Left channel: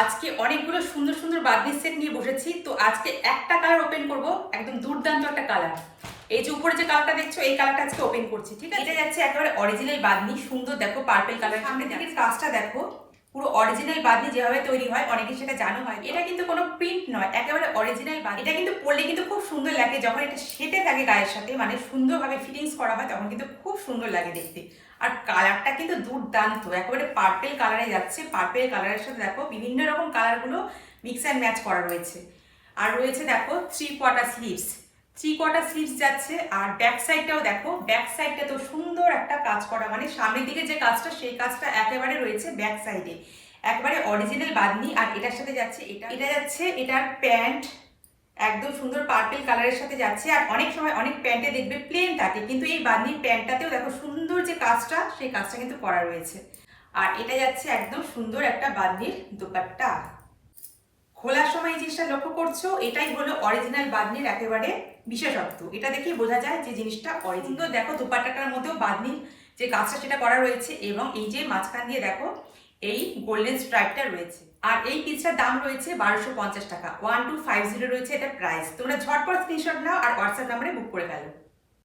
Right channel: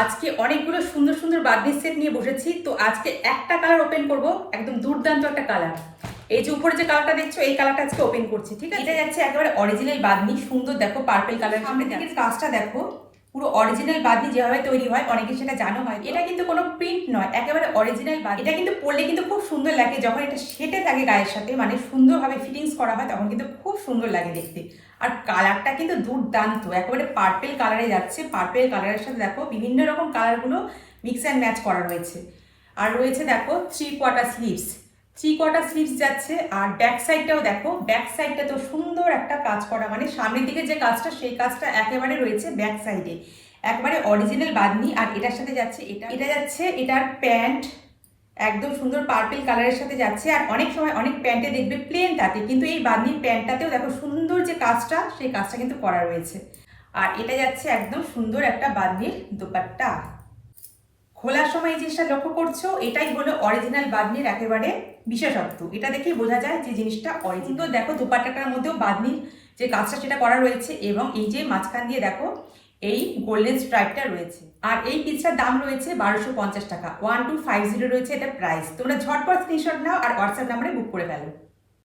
আজকে অনেকগুলো সুন্দর সুন্দর বার্নিশ সেট নিয়ে বসেছি। তো আজকে একটা কালার ওপেন করব, একদম দুর্দান্ত একটা কালার। এই যে উপরে যে কালারটা দেখছো, এই কালারটা আজকে ওপেন করছি, ঠিক আছে? এটা যাচ্ছে একেবারে অরিজিনাল বাদনি, সুন্দর দেখো পার্পল কালার। সামনের দিকের কাজটা দেখো, পুরো অরিজিনাল বাদনি যেভাবে তৈরি হয়, অনেকে সেটা জানো হয়। এটা কিন্তু কোনো প্রিন্ট নয়, একেবারে অরিজিনাল বাদনি। এটা কিন্তু পরলে কিন্তু খুব সুন্দর লাগে, যখন এটা সেটে থাকে গায়ের সাথে, মানে সুন্দরভাবে ফিটিংস করা হয়, তখন কিন্তু খুব সুন্দর লাগে দেখতে। আর কালারটা কিন্তু দুর্দান্ত, একেবারে পার্পল কালারে যাচ্ছে। পার্পল কালারের সাথে দেখো বিভিন্ন রকম কালারগুলো মিক্স অ্যান্ড ম্যাচ করা রয়েছে। আর রয়েছে দেখো 3/4 স্লিভস, 3/4 স্লিভস যাচ্ছে। আর ব্যাক সাইডটাও দেখো, ব্যাক সাইডটা তো সুন্দর একটা কাজ করা, মানে সামনের দিকে যে কাজটা, সেই কাজটা একেবারে রয়েছে ব্যাক সাইডে, একবারে অরিজিনাল বাদনি। আর এটার সাথে যাচ্ছে এটা যাচ্ছে এটার প্যান্ট, একদম সুন্দর পার্পল কালারের সাথে যাচ্ছে। আর অনেক সময় অনেক প্যান্টে দেখবে প্লেন থাকে, কিন্তু এই বাদনির প্যান্টটাতেও দেখো সুন্দর যে কাজটা, সেই কাজটা কিন্তু করা রয়েছে। আর এটা যাচ্ছে একদম সুন্দর একটা বাদনির দোপাট্টা। খোলার সময় এই জিনিসটা লক্ষ্য করছো, এটাই হলো অরিজিনাল বাদনির একেবারে বিশেষত্ব। এটা দেখেই বোঝা যায় যে জিনিসটা অরিজিনাল। দেখো দোপাট্টাটার মধ্যেও বাদনির যে কাজটা সেটা করা রয়েছে, এবং এই যে মাঝখান দিয়ে দেখো এই গোল্ডেন স্ট্রাইপটা রয়েছে। আর এই পিসটার দাম রয়েছে 1250 টাকা। 1250 রয়েছে এটা প্রাইস। তোমরা ঝটপট স্ক্রিনশট নাও আর হোয়াটসঅ্যাপ নাম্বারে বুক করে ফেলো।